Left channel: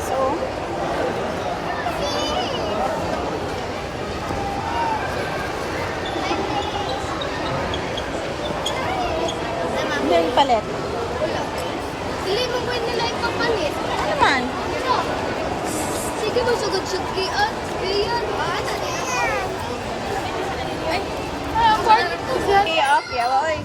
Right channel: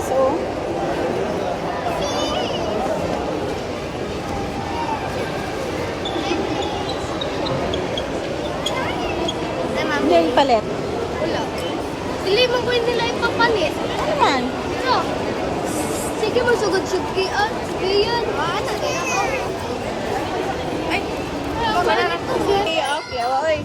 nice, oh. Hindi yung palit. Wala. Hindi mo pwede nila ipapalit. Ano man? Ito. Sige mo, sugod-sugod kiyan. Kiyan. Ano niya? Ay. Okay, off. Yawa, oy.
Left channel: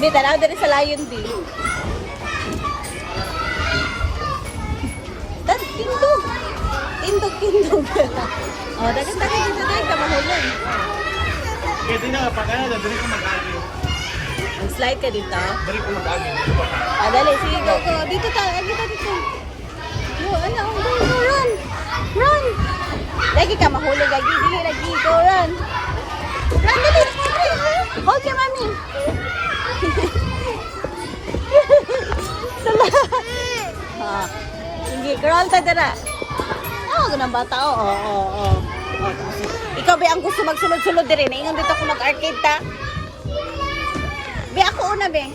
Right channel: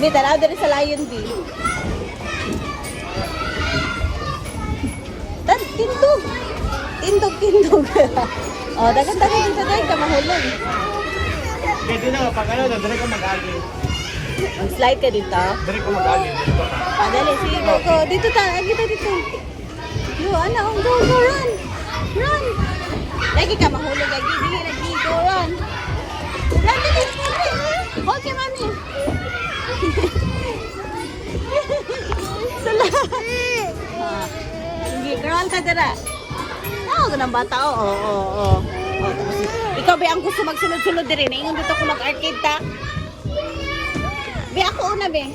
Di, tanaw dari sa Lion B. Tindog. Tindog. Oh, dagan-dagan dito dahil ka mahulog. Pwede na, pag ano, dali ko mag-agi. Mag-slide ka dito. Dali ko mag-agi. Dali, sige, go. Dito tayo, dito. Go, go, run. Run. Lagi ka mahulog, lagi, go, run. Run, dali. Hold ka, mami. Sala. Sige, girl, tadara. Ganang bata, oo. Tapos, ikaw, be, ang gusto magsulod-sulod din rin. Ingon dito ako mag-arcade ta. Be, ako una, be.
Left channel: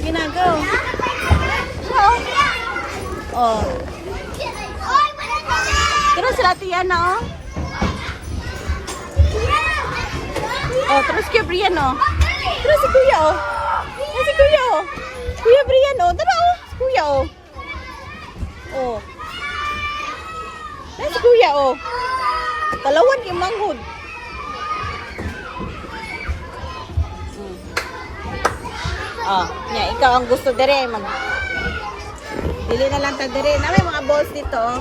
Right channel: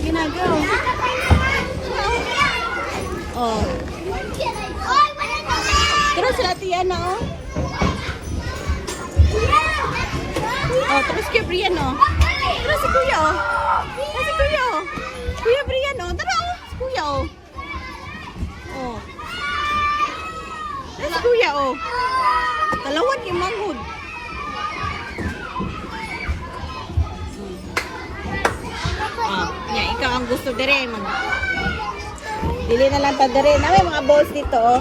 Ginagaw. Oh. Pero sila tiyan, no? Terus kaya Brian, no? Terus si Kuya, oh. Si Kuya, oh. Kuya Brian, oh. Tara, oh. Si Kuya, oh. Oh. Si Kuya, oh. Talawan kay manghod. Ikaw ang gusto dire mag dili na lang ta dire. Na may mga balls dito, oh.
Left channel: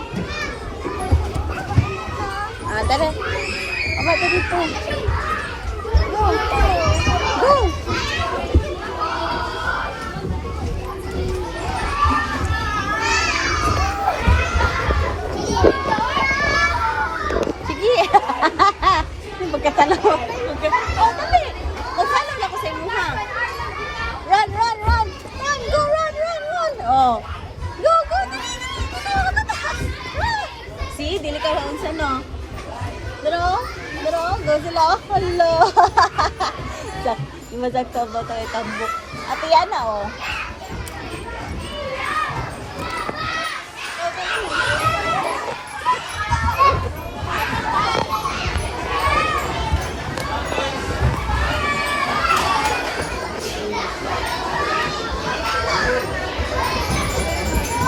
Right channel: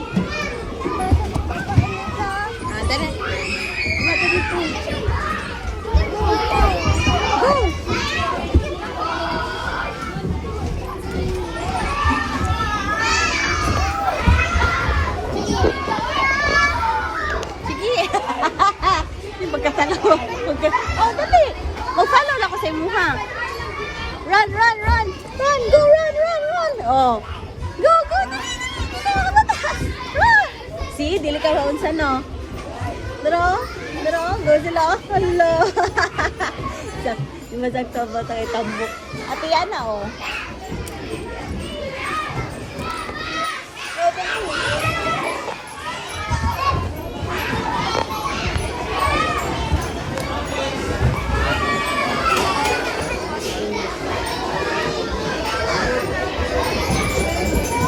Dere. Aba dito. Go. Sige. Pagkatanaw. Dali. Mag-follow lang ko sa imuha. Run. Go, run. Oh. Go. Run. See, dili ka maunsa, no? Daro. Go sila. Hello. Di masakta ba tayo tambok? Ate yan na, oh. Go, dali.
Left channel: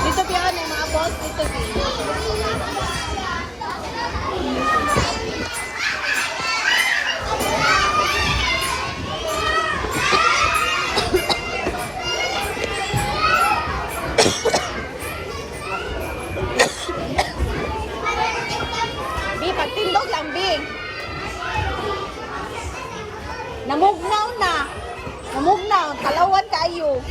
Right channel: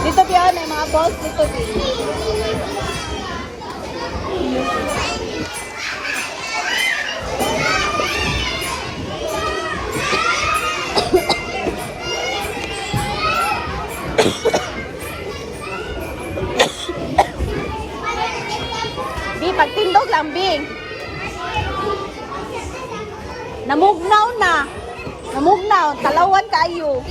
Dito piyon ay mga balls dito piyon. Di pagtindog lang, Bing. Namugnaw, talawan kayo.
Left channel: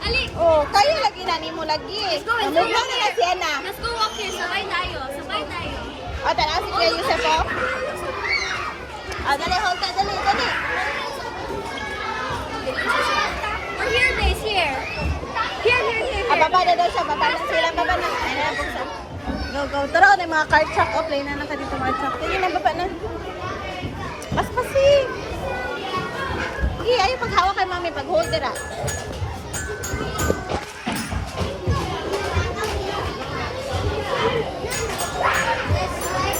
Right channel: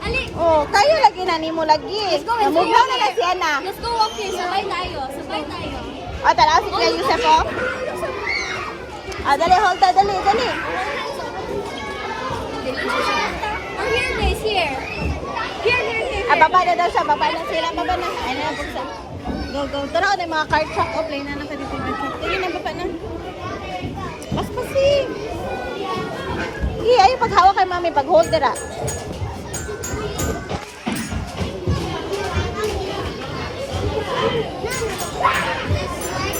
Ali. Oh, kayo lagi na nimo lagi. Namugnaw na lang siya na. Let's go walk here. Sabay tayo. Tara, si Kuya Yusef, oh. Dali, hold ta, dali. Oh, here it is, here. Baba na daw siya, baba na. Ano na siya? Go. Tara, na mga card shop. Oh, play na natin dito mga shop. Tingin na, baba na. Paspasi. Hindi, ayaw paghawak kay mami, pag-hold dira.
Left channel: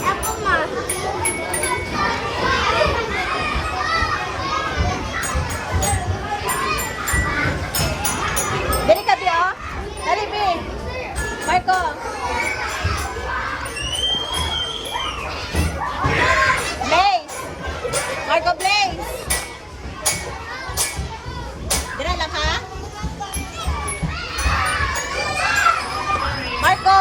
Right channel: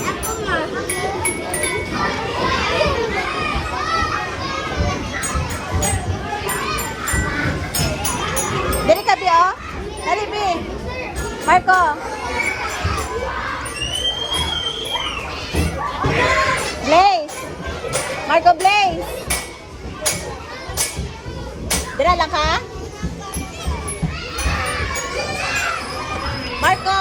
Ako ma. Dali ka, Bi, oh. Dali, Bi. Marco. Blaze. Marco, Blaze. Dira lang ka? Marco.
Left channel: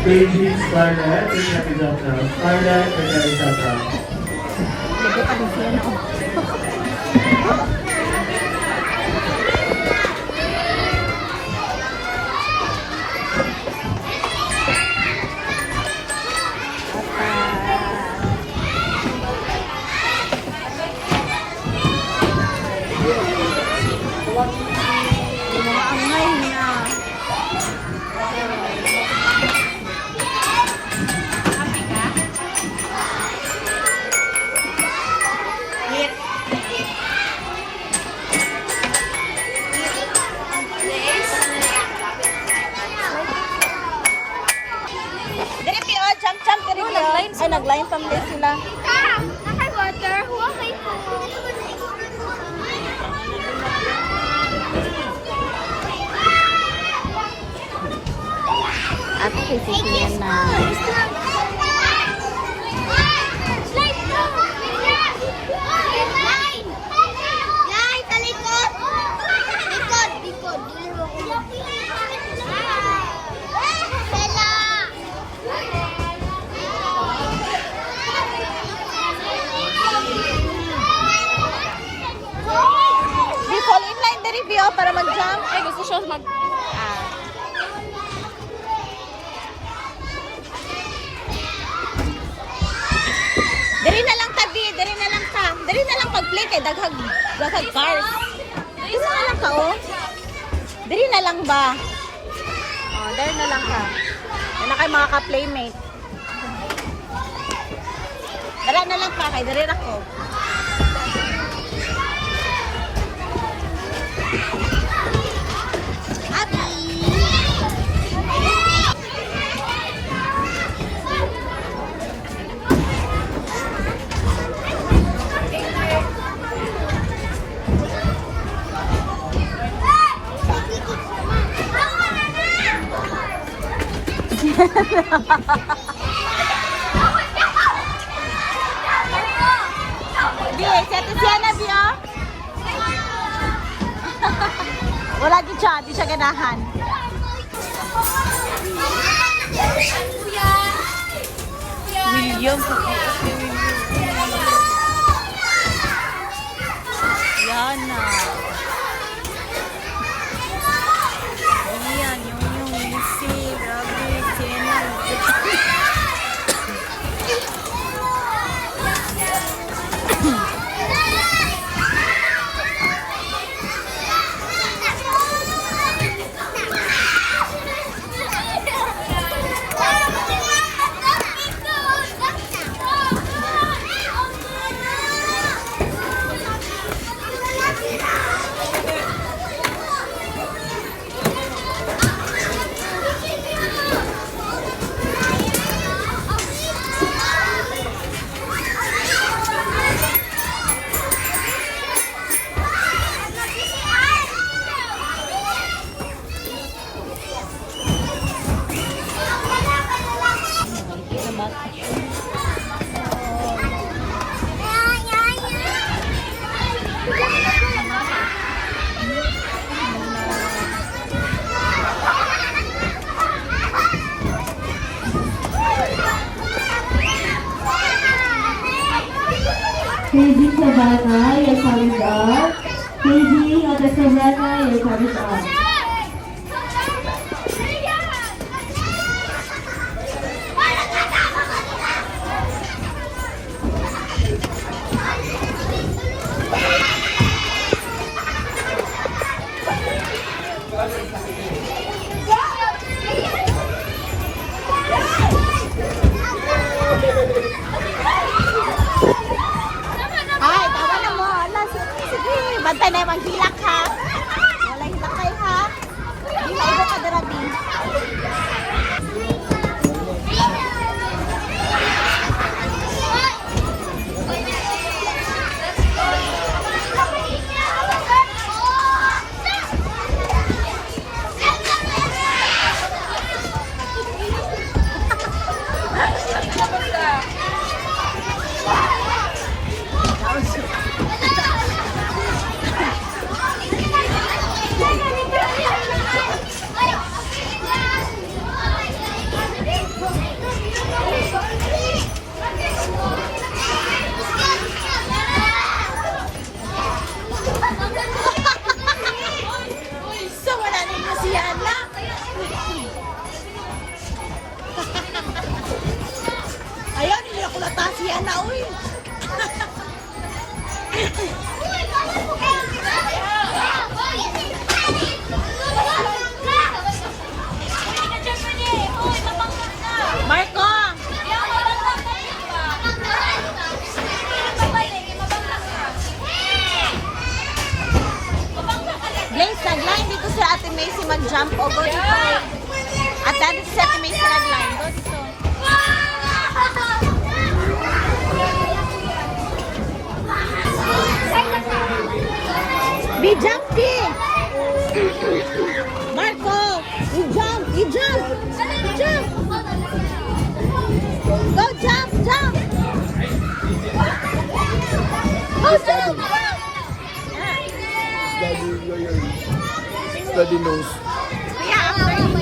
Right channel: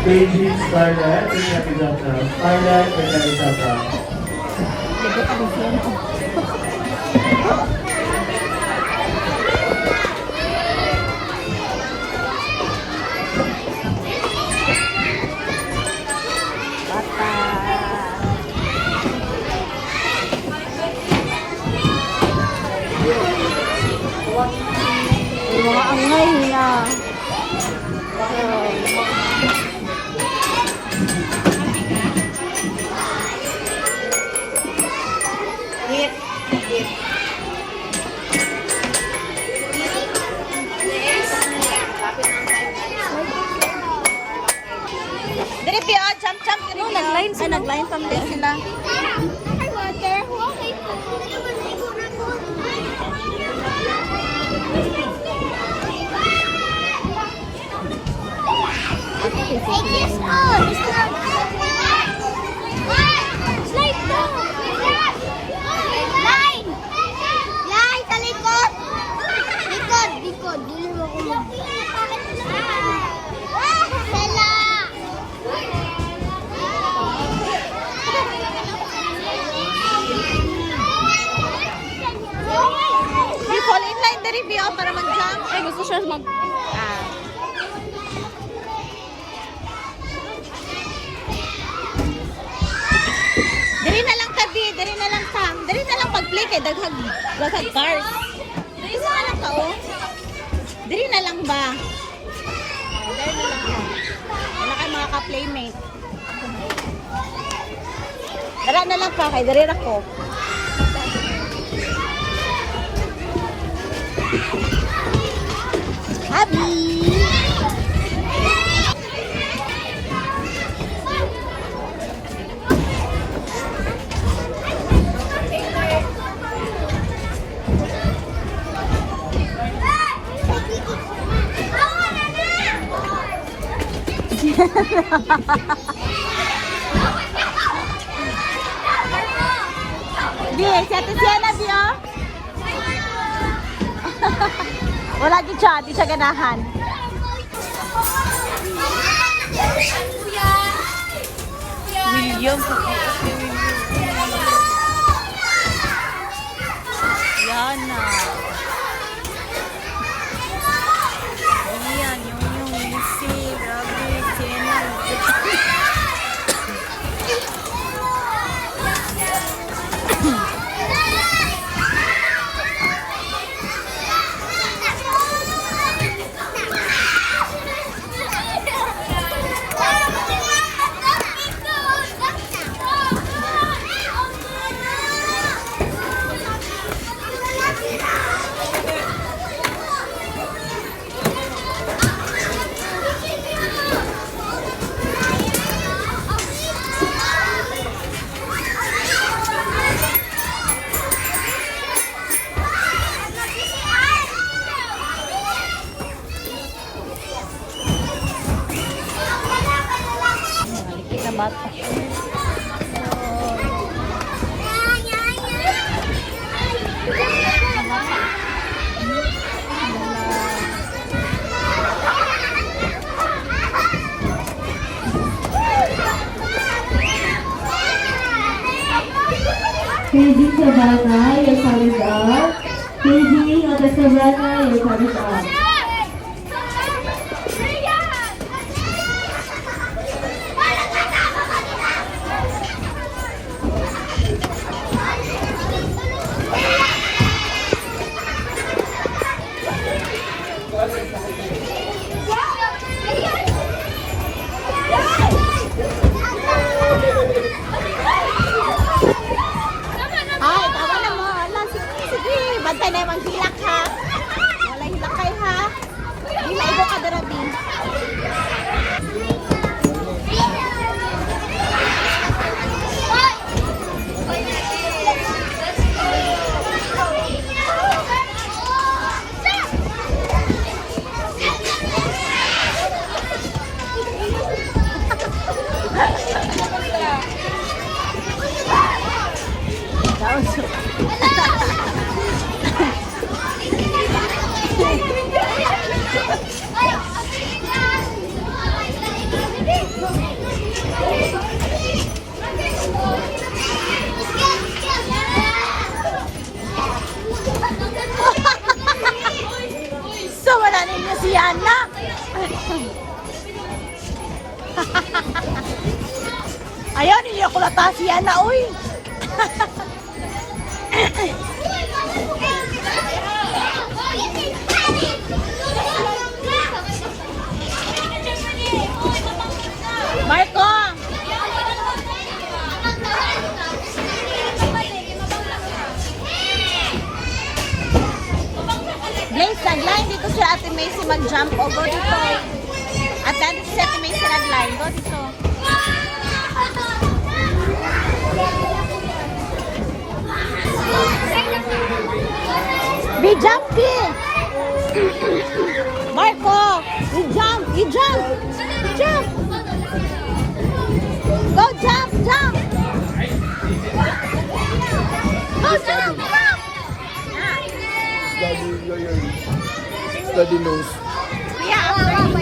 KG Scarlett, bring up is up now. Scarlett, bring up is up now. Yung mga angay na. Diri Pio, jump diri Pio. Ay, nag-line pa muli sila. Di fall in line diri Pio para mag-jump. Ay, gusto siya mag... Diri na lang tabi, diri na lang ka. Diri na lang pag-play kay daghag cars. Diri na lang ka oh. Diri na lang ba? Oh, diri na lang ka. Ano kay mga ka-playmate? Dara na lang ka kay diri ra ko. Happy. Di, si Ate Sienna, Di, oh. Wala di siya ganahan. William, Yana. Iyan, yung Missy, grabe, Sienna. KG Savannah, your time is up. KG Ate Savannah, your time is up. Ay, tawa na mo. Ala, sige. Bantay na yung hilak ha. Wala hilak kayo ha. Di maigo ka darabi. Yana. Ayaw, hindi ako nata si Yana, uy. Marco! Blaze, nag-line dito si Ate Macy mag-jump. O, go dito. At dito si Ate Macy nag-line. Go dito. Be jumpy! Marco! You jump! You jump! You jump! Go jump! Jump! Go jump! Study knows. Yeah, after you